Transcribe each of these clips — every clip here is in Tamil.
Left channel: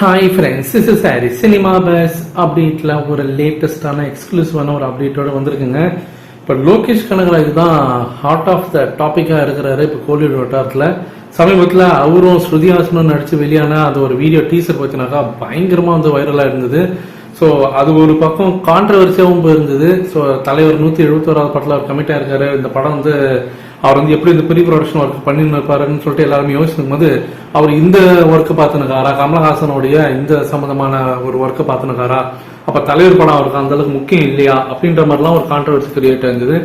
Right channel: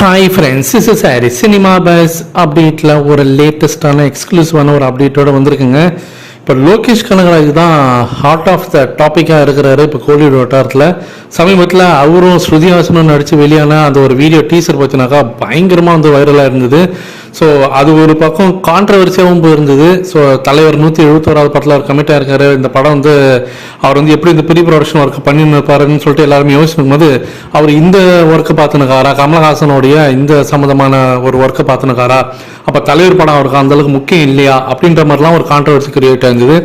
ஹாய் ஃப்ரெண்ட்ஸ் இஸ் சாரி சினிமா பஸ் அப்டேட்டில் ஒரு லேட்டஸ்டான எக்ஸ்க்ளூசிவான ஒரு அப்டேட்டோட வந்திருக்குங்க. இப்போ லோகேஷ் கனகராஜ் தான் ஹார்ட் ஆஃப் த டாப்பிக்காக இருக்கிறாரு இப்போ கோலிவுட் வட்டாரத்தில். சமீபத்தில் அவரும் ஸ்ருதிஹாசனும் நடித்து வெளியான அந்த ஒரு வீடியோ டீசர் பார்த்தினாக்கா பயங்கரமாக வந்து வைரலாக இருந்தது. ஸோ அது ஒரு பக்கம் கான்ட்ரவர்சியாகவும் போயிருந்தது. ஸோ தலைவர் நூற்றி எழுபத்தோராவது படத்தில் அவர் கமிட்டாக இருக்காரு இந்த படம் வந்து அவர் வந்து எப்படி இந்த ப்ரீ ப்ரொடக்ஷன் ஒர்க் பண்ணிருப்பாருன்னு சொல்லிட்டு எல்லாருமே யோசிக்கும் போது அவர் இந்த ஒர்க்கை பார்த்துனுக்காரா? கமலஹாசனுடைய இந்த சம்மந்தமான ஒரு ஒர்க்கை பார்த்துனுக்காரா? அப்போ தலைவர் படம் அவருக்கு அந்த அளவுக்கு முக்கியம் இல்லையா? அப்படின்ற மாதிரிலாம் ஒரு கான்ட்ரவர்சி கிரியேட் ஆயிருந்தது.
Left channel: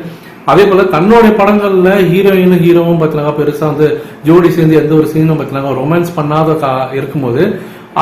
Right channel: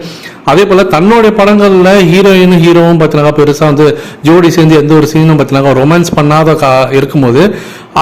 அதே போல தன்னுடைய படங்கள்ல ஹீரோயினும் ஹீரோவும் பார்த்தீங்கன்னா பெருசா வந்து ஜோடி சேர்ந்து எந்த ஒரு சீனும் பார்த்தீங்கன்னா ரொமான்ஸ் பண்ணாத கா இருக்கும்போது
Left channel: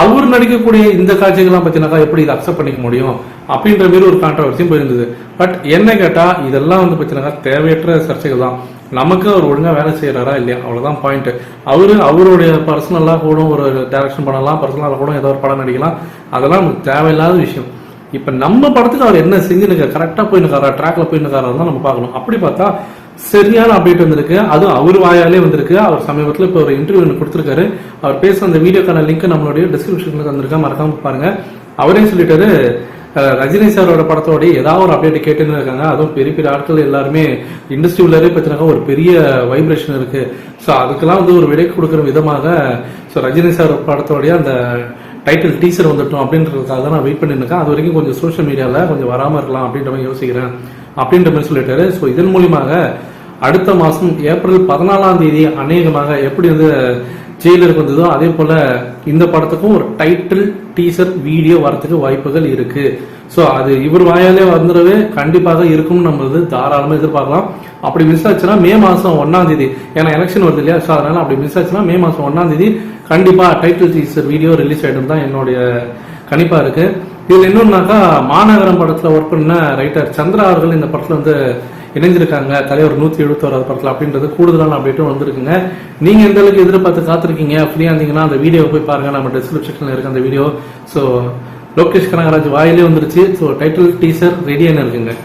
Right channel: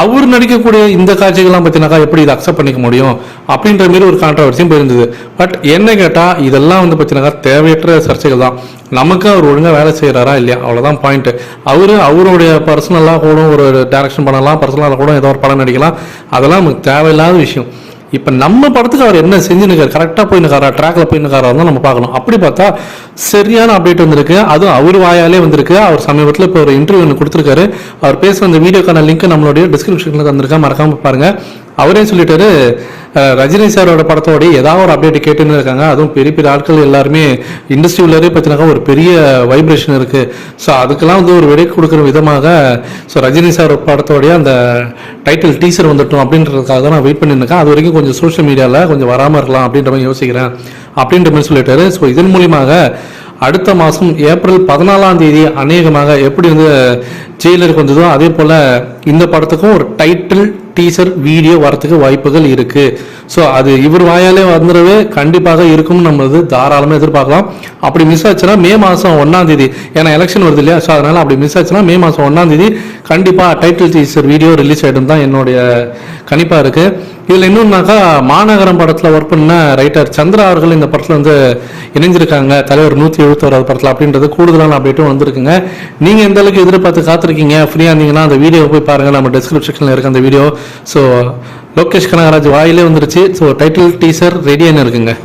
அவர் நடிக்கக்கூடிய இந்த காட்சிகள்லாம் பார்த்தீங்கனாக்கா எப்படி இதை அக்செப்ட் பண்ணிக்க முடியும் அப்படின்ற மாதிரி ஒரு கான்ட்ரவர்சியும் போயிருந்தது. பட் என்ன கேட்டால் இதெல்லாம் வந்து பார்த்தீங்கன்னாக்கா தேவையற்ற சர்ச்சைகள் தான். நமக்கு அவர் ஒழுங்காக வேலை செய்கிறாரா இல்லையா? அவ்வளோதான் பாயிண்ட் அவர் அவருடைய பர்சனலாக கூட ஒரு டேரக்ஷன் பண்ணலாம் பர்சனலாக கூட ஏதோ ஒரு படம் நடிக்கலாம். அதெல்லாம் நமக்கு தேவையில்லாத விஷயம். இப்போ நம்ம படத்துக்கு அவர் என்ன செஞ்சுருக்காரு கரெக்டாக போயினுக்காரா ட்ராக்ல போயினுக்காரா தான் நம்ம பார்க்கணும். அப்படி பார்த்தா சரியான அப்டேட் வந்திருக்கு. அதுவும் அவர் வாயாலே வந்திருக்கு. அவர் சமீபத்தில் இப்போ ஒரு இன்டர்வியூ ஒன்று கொடுத்துருக்காரு. அவர் பேசுகிற அந்த வீடியோக்கான லிங்க் நம்மளுடைய டிஸ்கிரிப்ஷனில் தந்திருக்கா மறக்காம பாருங்க. அவரே சொல்லிட்டாரு ரஜினி சாரோட படத்தோட ஏதாவது ஒரு அப்டேட் கேட்டுன்னு இருக்காங்க அதுவும் பெரிய பெரிய ஆட்கள் எல்லாருமே இண்டஸ்ட்ரியிலே பார்த்தீங்கன்னா ஒரு பெரிய வைப்ரேஷன் இருக்கு. ஸோ அதுக்கெல்லாம் வந்து ஒரு விடை கொடுக்குற விதமாக ஸோ ரஜினி சார் படத்தோடைய அந்த டைட்டில் டீசர் வந்துட்டோம் அப்படின்றதுக்காக நான் வெயிட் பண்ணியிருக்கேன் அது வரைக்கும் கொஞ்சம் சோஷியல் மீடியாவில் கொஞ்சம் வராமல் இருக்கலாம் அப்படின்ற மாதிரி யோசிக்கிறேன் அப்படின்ற மாதிரி சொல்லிட்டாரு. ஸோ இதன் மூலியமாக அடுத்த மாதம் ஏப்ரல் பதினாலாம் தேதி அநேகமாக எப்படி வந்து ஜெயிலருக்கு வந்ததோ அதே போல் இந்த படத்துக்கும் ஒரு டைட்டில் டீசர் வீடியோ வரத்துக்கு வாய்ப்புகள் இருக்கு. ஸோ அது இவர் வாயாலே வந்துடவே கண்டிப்பாக இருக்கும் நம்ம இது தாராளமாக எதிர்பார்க்கலாம். அப்படி மிஸ் ஆச்சுன்னா மே மாதம் ஒன்றாம் தேதி. ஏன்னா எலெக்ஷன் வருது இல்லையா? ஸோ அதனால அப்படி மிஸ் ஆச்சுன்னா மே மாதம் ஒன்றாம் தேதி கண்டிப்பாக டைட்டில் டீசர் வீடியோ ரிலீஸ் ஆகிடும் தான் என்னுடைய கணிப்பாக இருக்குது இதில் இன்னொன்னாக்கா மாநகரம் படத்தில் ஒர்க் பண்ண ரைட்டர் சந்திரா அவர்கள் இந்த படத்தில் வந்து இணைஞ்சிருக்காங்க. தலைவர் நூற்றி எழுபத்தோராது படத்தில் அப்படின்றது கூடுதலான அப்டேட்டும் வந்திருக்குங்க. நீங்கள் எந்த அளவுக்கு எதிர்பார்த்து காத்திருக்கீங்க? ஃப்ரீயாக இருந்தீங்கன்னா அந்த வீடியோ போய் பாருங்கள் நம்ம டிஸ்கிரிப்ஷனில் இருக்க அந்த வீடியோ ஸோ லோகேஷ் கனகராஜ் வாயிலே வந்துருச்சு. ஸோ டைட்டில் டீசர் ரெடியானு இருக்குங்க.